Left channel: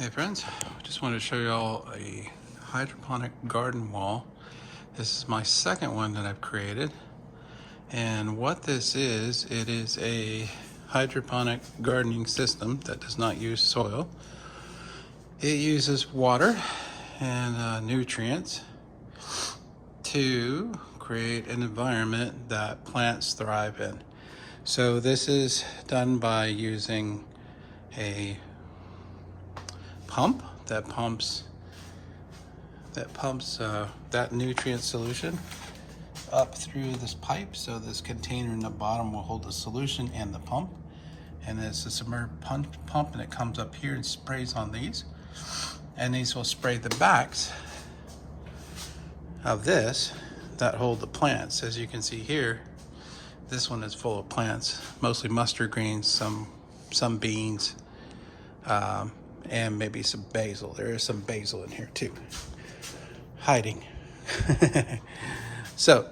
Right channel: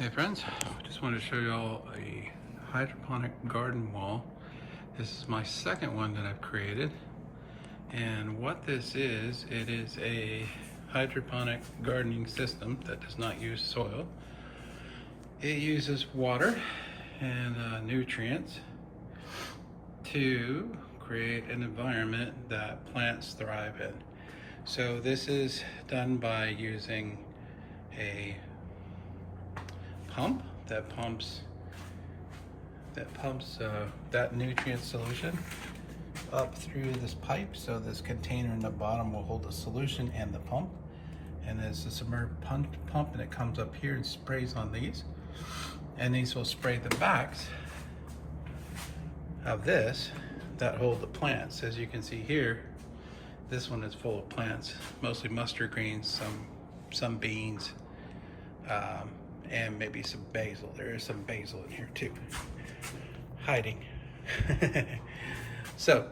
Hey friends, I just wanted to show you all a hydroponic garden wall. This is my second one that I've created. And what this is, it is a hydroponic gardening system that does not use soil. It uses water and nutrients to create an environment that plants thrive in. So this is done by using a pump that pumps that nutrient solution up through this pipe. So this container in the bottom will hold the solution and the pump, and it's a submersible pump, and it comes up here and sprays on these, and these will spray the backs of this that hold the plants. As you can see here, this one is full of plants, mostly mustard greens, some beans, and maybe some basil. There is some basil in here too, hiding. So,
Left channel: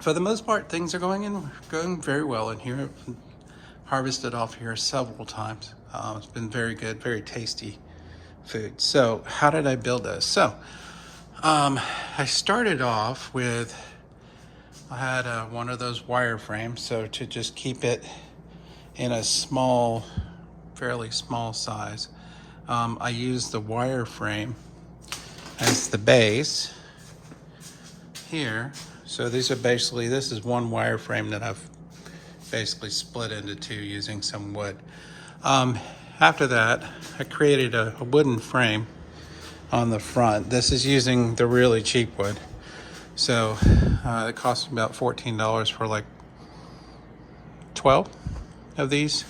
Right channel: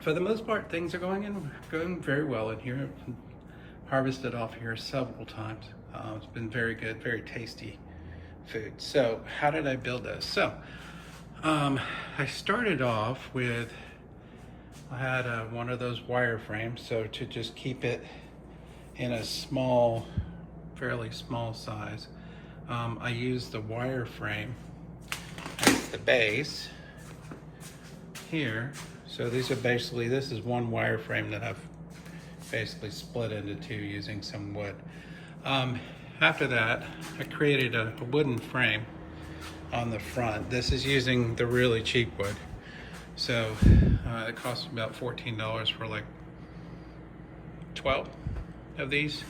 for the most part, things are going very well in here. I've harvested off here several times. It's been very good, very tasty food. So, how did I build this? So, I started off with, I had one of those wire frames, so to just keep it in a small, fairly small size. I used the wire frame as the base here. So these are basically, this is one wire frame that I've basically split into two using some wood. After that, I created a wooden frame on the front. This is using the really cheap wood. So it cost me about $14 for like 12 of these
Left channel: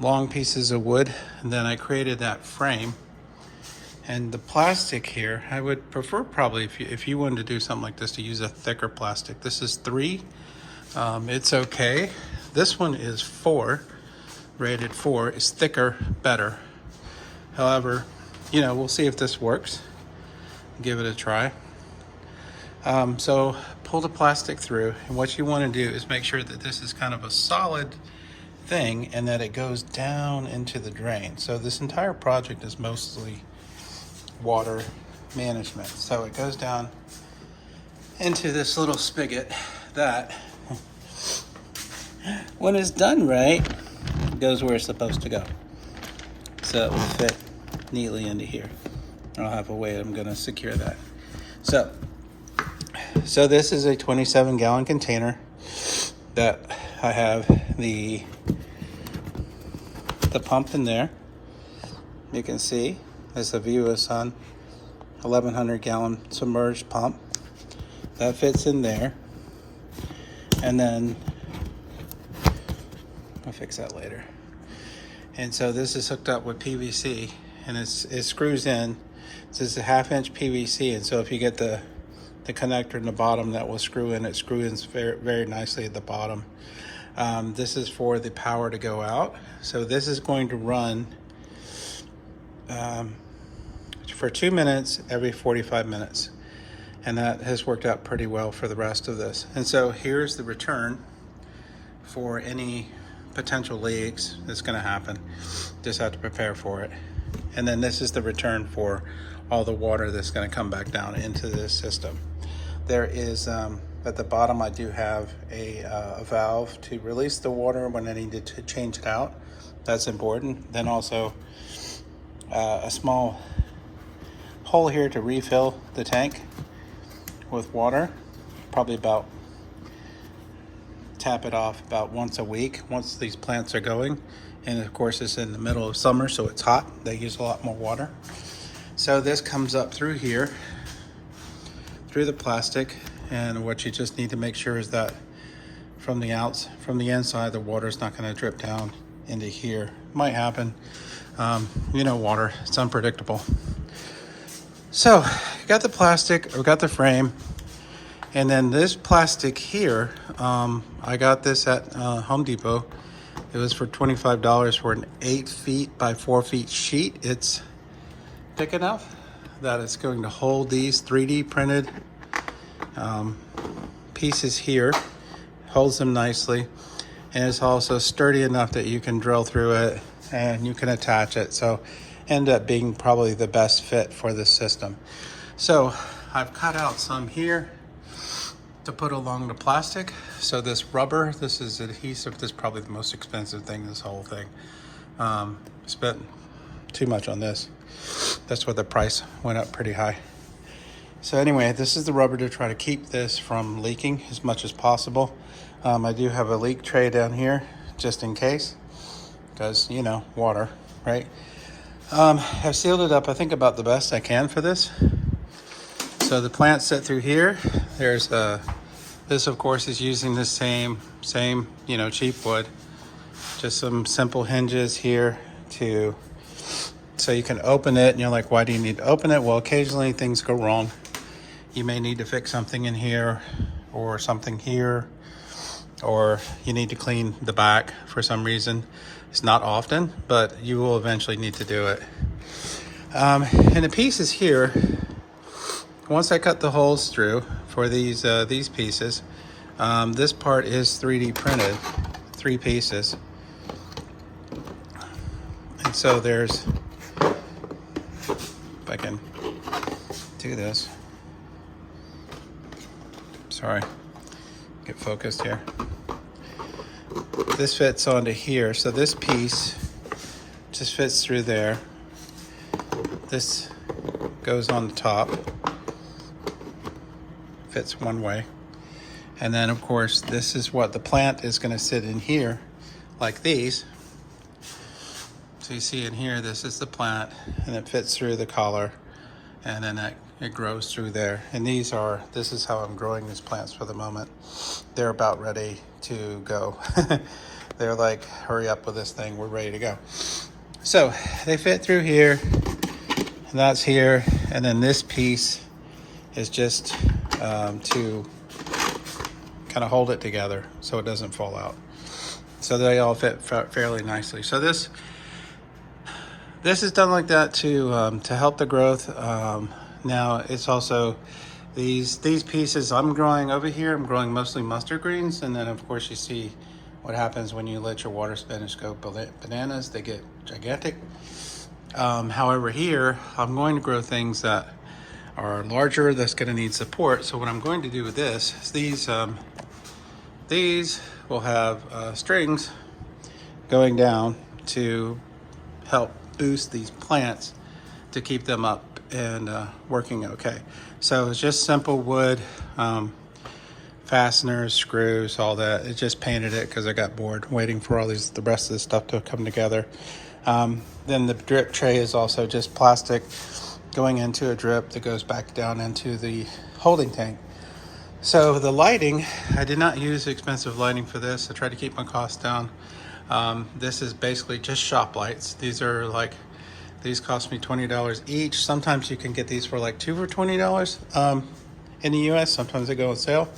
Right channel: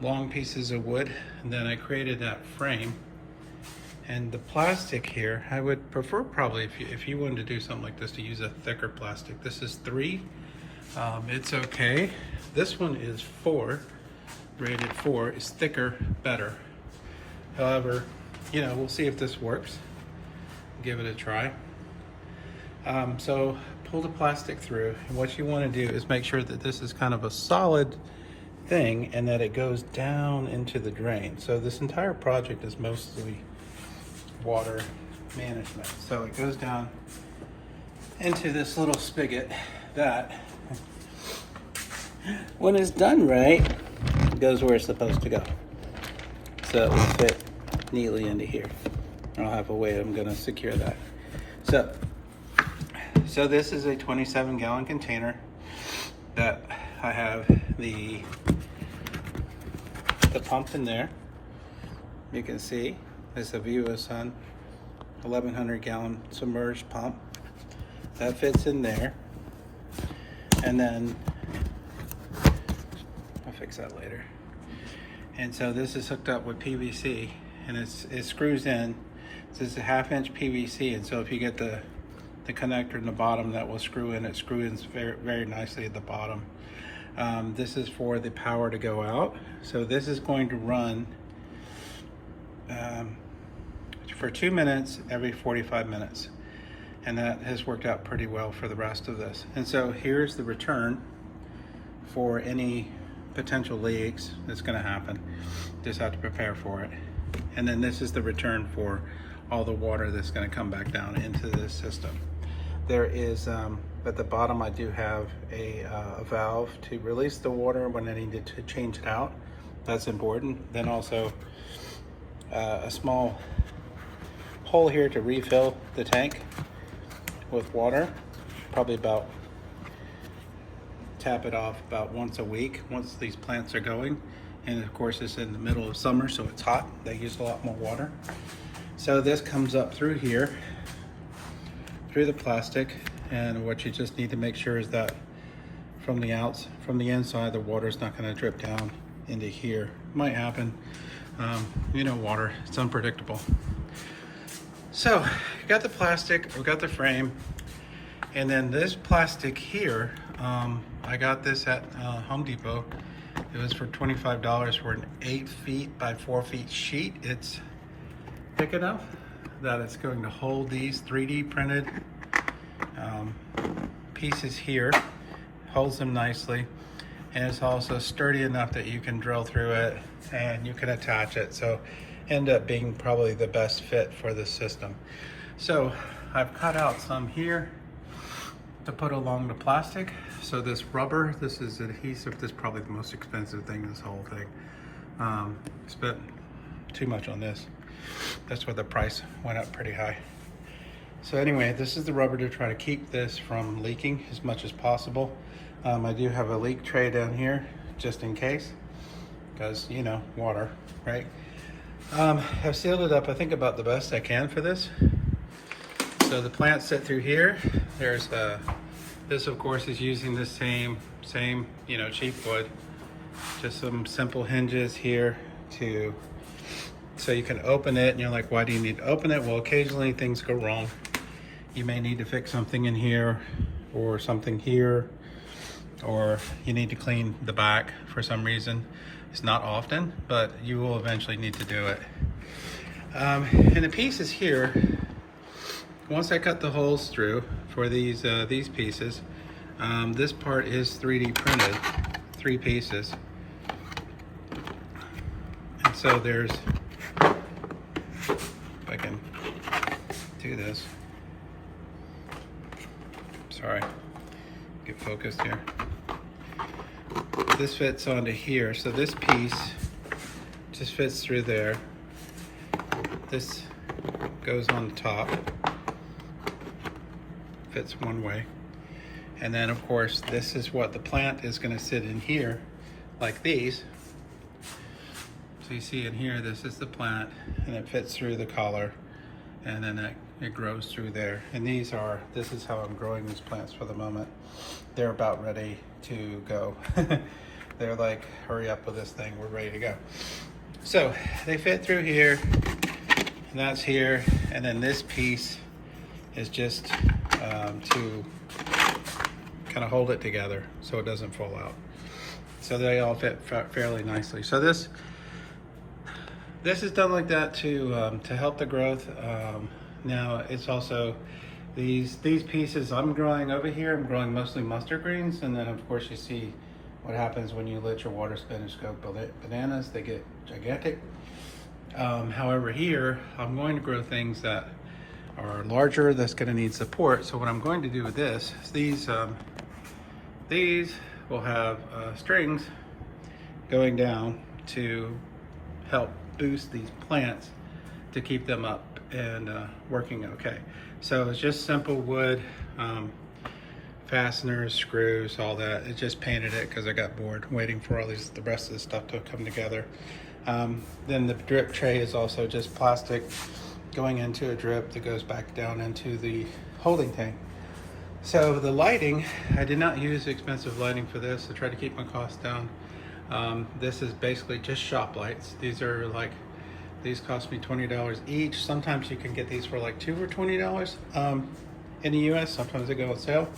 long pieces of wood. And then I created that frame, and the plastic here, I would prefer probably if you wanted to do something like this to use a thicker plastic. This is 3, it's okay. This one is 4, rated 4, is thicker, better. However, you know, we'll see if this works. Give it a try. So pull the plastic through, and what you want to do is make sure that this is kind of a solid thing and that it goes down into the drain. So this entire project is mostly water management. So it goes down into this little spigot that, when it's done right, it goes where it's supposed to go. So it will fit neatly into here. I'll have a way I'm going to secure that. So this is a 27-gallon container that I have the pump in there. You can see there's a view of the sun, 1,100-gallon submerged pump that fits in there. And then I'll fix that later. And so this is hooked up with PVC, and it screws in. So it's a 1/2-inch PVC, and so if you get the connector in the bottom, that will screw in. It screws in very, very nicely at the bottom. This is for the power to go out. So this is going to run for 2 minutes every 45 minutes. And that has worked out pretty well for the rest of this. And so here's the return for any potential leaks that's gonna happen. Just have to prepare for it. And then this is the return for all the water that's gonna come back down into this system. There is, at the bottom, I do have a valve to release the water when I need to change it out. That's important. Then also a small hole here to refill the tank with water. Probably about, tap it off about once a week once these plants are going. And of course it's in the middle of summer, so it's hot. They use a lot more water. So this comes up through here, through the plastic, and what you just need to make sure is that from the inside, the water's not going to drip down into here. Might happen. You know, water, it's unpredictable. So I got the plastic, I got the frame, and then this plastic here, I got this at Home Depot. It was for $25 for an 8 feet by 4 feet sheet. It's thick enough that it's going to hold these 3D printed pieces here, holds them nicely, and it's also sturdy enough that you can drill through it and you can attach it. So end up being probably the best fit for this system. So I've cut out some here to put along the plastic. So this rubber, this is adhesive. This is probably the most expensive thing in this whole thing. Spent too much on this. That's why the price went up pretty high. So anyway, this is the rubber to try to keep this from leaking as much as possible. I do have a leak tray down here just in case, because you know, water, right? I've sealed it up, I think, about the best I can for this. So the plants sit through here. There's this of course is using the same, you know, cheap wood. Just some simple hinges here so you can open it, and you're like, why do you need to open it? Well, occasionally things go wrong. You may need to fix something in here or something here, or you need to clean the back for some reason. It's not often, but you will eventually need to do it. And the pieces here, once I cut the holes through for these pieces, this part is 3D printed, 3 pieces. And so there's, if I can do this, sorry, get focused here. This fits onto here, so this piece just fits through there. This goes on the top, fits one way. And then of course, this is what the plant is gonna sit in here, like these. So you see in here, this is the plant, and it fits through the collar, and then it grows through there. And this is how I'm growing these plants for the moment. They're about ready to go. They're like, hurry up with this thing, we're ready to go. So they fit through here, and that's here. And then this piece is just to kind of hold it together so it doesn't fall out. So they all fit fairly nicely. So this is done like that to help the growth. Now it's also these pieces I'm growing over here. I'm growing mostly mustard greens, and then of course you see what happens when you let your water spinach go bananas. They get gigantic. However, here I'm going to grow things that are larger, that's going to need support. So what I'm going to do with this is these will have strings going down to help boost these plants to keep them up and working okay. So it's just simple wood, fasteners, screws, all that. It just painted it because I got bored waiting for all the rest of the stuff to come together. Then the drip tray is also just plastic going into a drip that goes back down into the holding tank. So the lighting, I did not use expensive lighting for this. I tried to keep my costs down. This is basically just shop lights. These cost me $20 each. Sometimes you can get these for like 2 for $20 in the US. Sometimes they go on sale.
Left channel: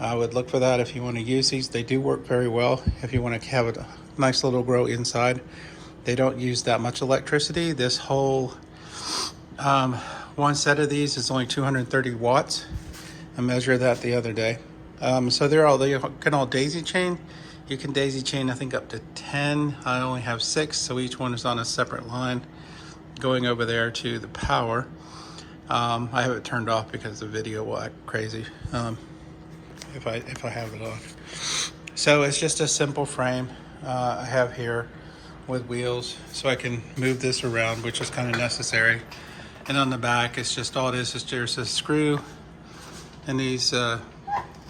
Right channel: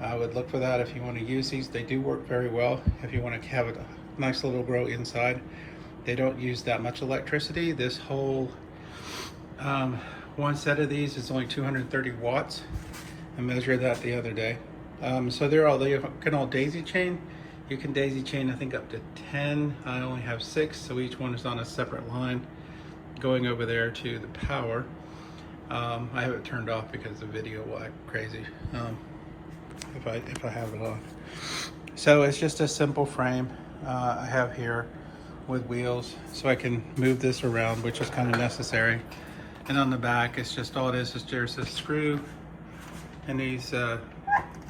I would look for that if you want to use these. They do work very well if you want to have a nice little grow inside. They don't use that much electricity. This whole one set of these is only 230 watts. I measured that the other day. So they can all daisy chain. You can daisy chain, I think, up to 10. I only have 6, so each one is on a separate line going over there to the power. I have it turned off because the video will act crazy if I have it off. So it's just a simple frame I have here with wheels, so I can move this around, which is kind of necessary. And on the back, it's just all it is just a screw, and these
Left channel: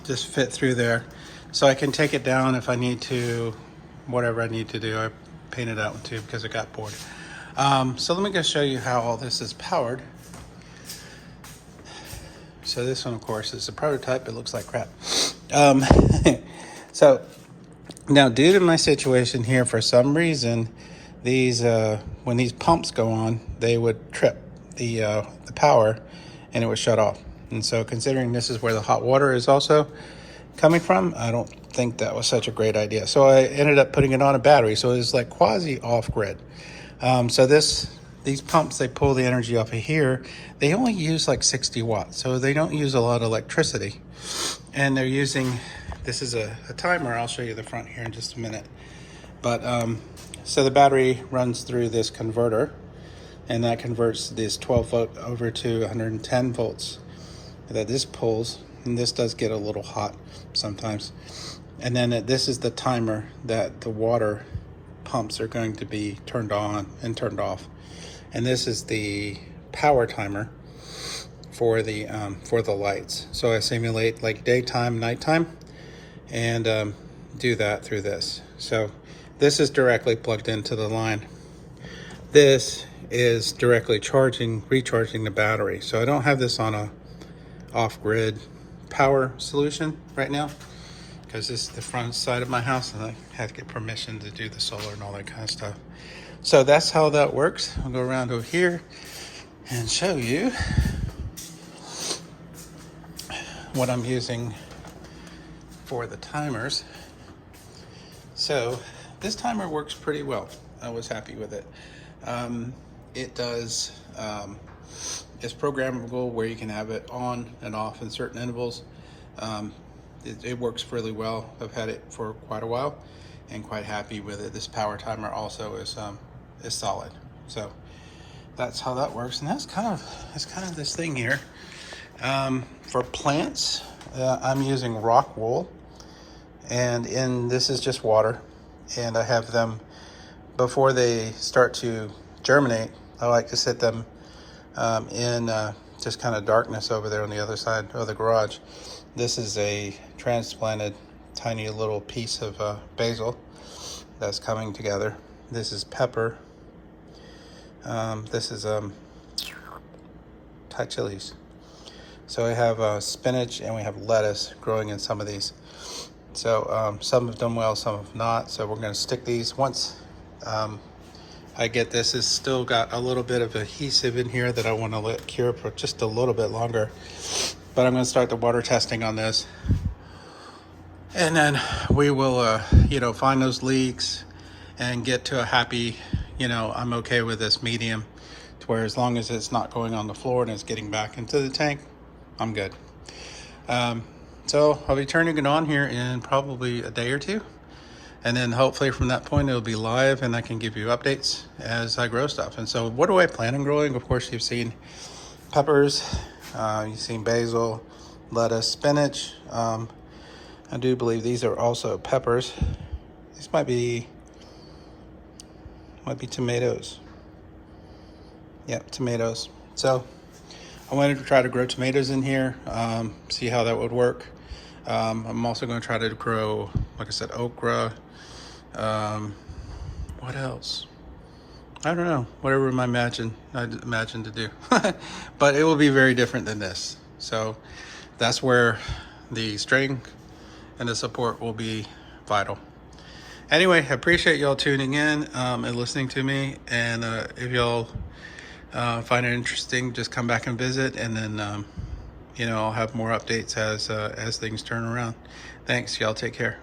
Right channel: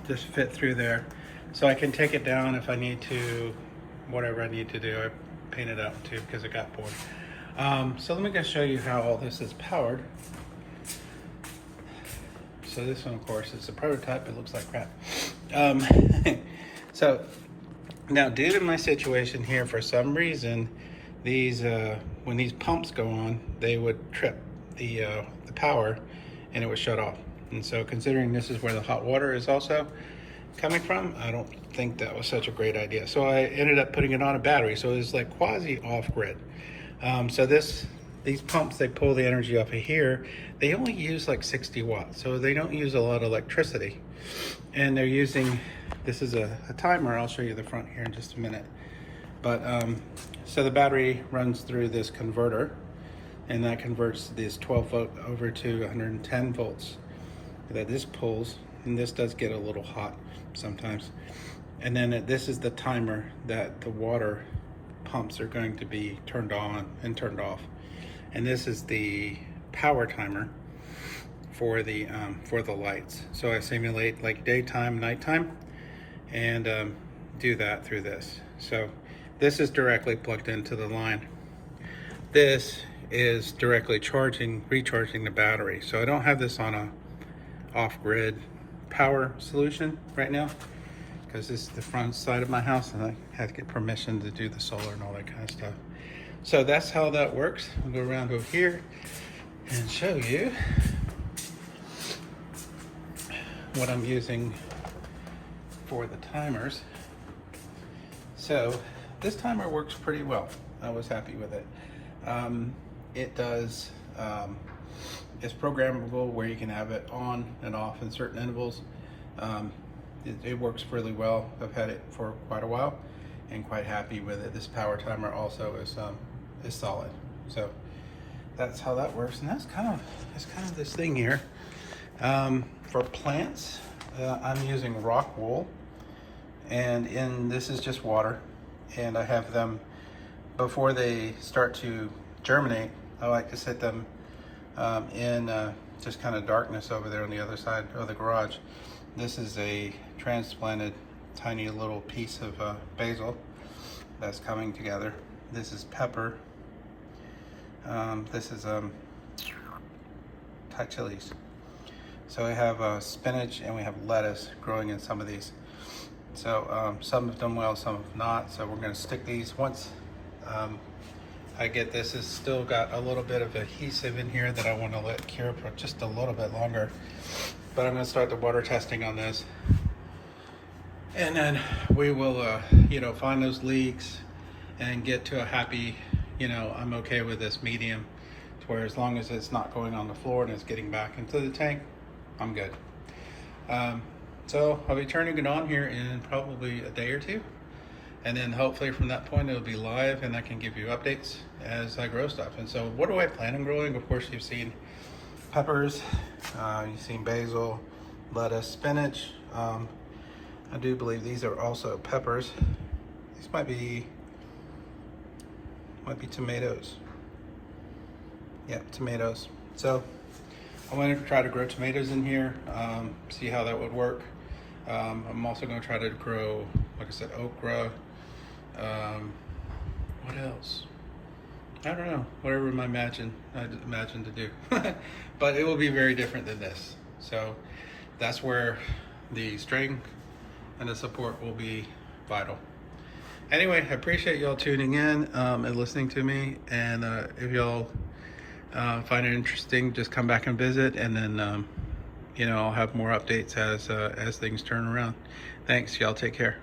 just fit through there. So I can take it down if I need to, whatever I need to do. I painted that one too because I got bored. So let me go show you how all this is powered. So this one, of course, is a prototype. It looks like crap. So now, due to my situation here, for some reason, these when these pumps go on, they would trip the power, and it would shut off. And so, considering this is where the hot water is also coming from, I don't think that was such a great idea. So I ended up putting it on a battery, so it was like quasi off-grid. So these pumps, they pull the energy off of here. They only use like 60 watts, so they don't use a lot of electricity. And they're using, this is a timer. I'll show you the front here in just a minute. But so the battery runs through this converter, and that converts this 12 volt over to 110 volts that this pulls, and this does get a little hot sometimes. And then this is the timer that the water pumps are going to be turned on and turned off. And this is the power timer for the lights. So I simulate like daytime, nighttime, and do that through this. So this is directly plugged into the line. This is directly recharging the battery. So I don't have this on a off-grid power solution right now, because this is the front side of my house and I had to get permission to do the solar and all that kind of stuff. So that's how that works. I'll go around over here and show you what I'm using for the timers. So this timer works pretty well. I was happy with it. It does, it's programmable where you can have it on and off in certain intervals. It works really well. I've had it for quite a while and quite happy with it. This power timer also is solid. So that's how that works. And that's kind of this thing here. For plants, I'm using rock wool, and this is just water, and I have them, before they start to germinate, I like to sit them in just kind of darkness over there on the other side of the garage. This is a transplanted tiny little piece of basil that's coming together. This is pepper. This is Thai chilies. So I have spinach and we have lettuce growing in some of these. So some have done well, some have not. So we're going to stick these once I get this. It's still got a little bit of adhesive in here that I want to let cure for just a little bit longer. But I'm going to start the water testing on this. And then we will, find those leaks and get to a happy, I'm okay with this medium, to where as long as it's not going on the floor and it's getting back into the tank, I'm good. So I'll be turning it on here in probably a day or two. And then hopefully from that point, it'll be live and I can give you updates as I grow stuff. And so what do I plan on growing? Of course, you've seen peppers, you've seen basil, lettuce, spinach. I do believe these are also peppers. These might be tomatoes. Yep, tomatoes. So I wanted to try to grow tomatoes in here, see how that would work. I'm also going to try to grow, like I said, okra. What else? I don't know, whatever I imagine to do. But it will be very different than this. So that's where the strength and the support will be vital. Anyway, I appreciate y'all tuning in and listening to me. And if y'all find it interesting, just come back and visit, and then I'll have more updates as things turn around. Thanks, y'all. Take care.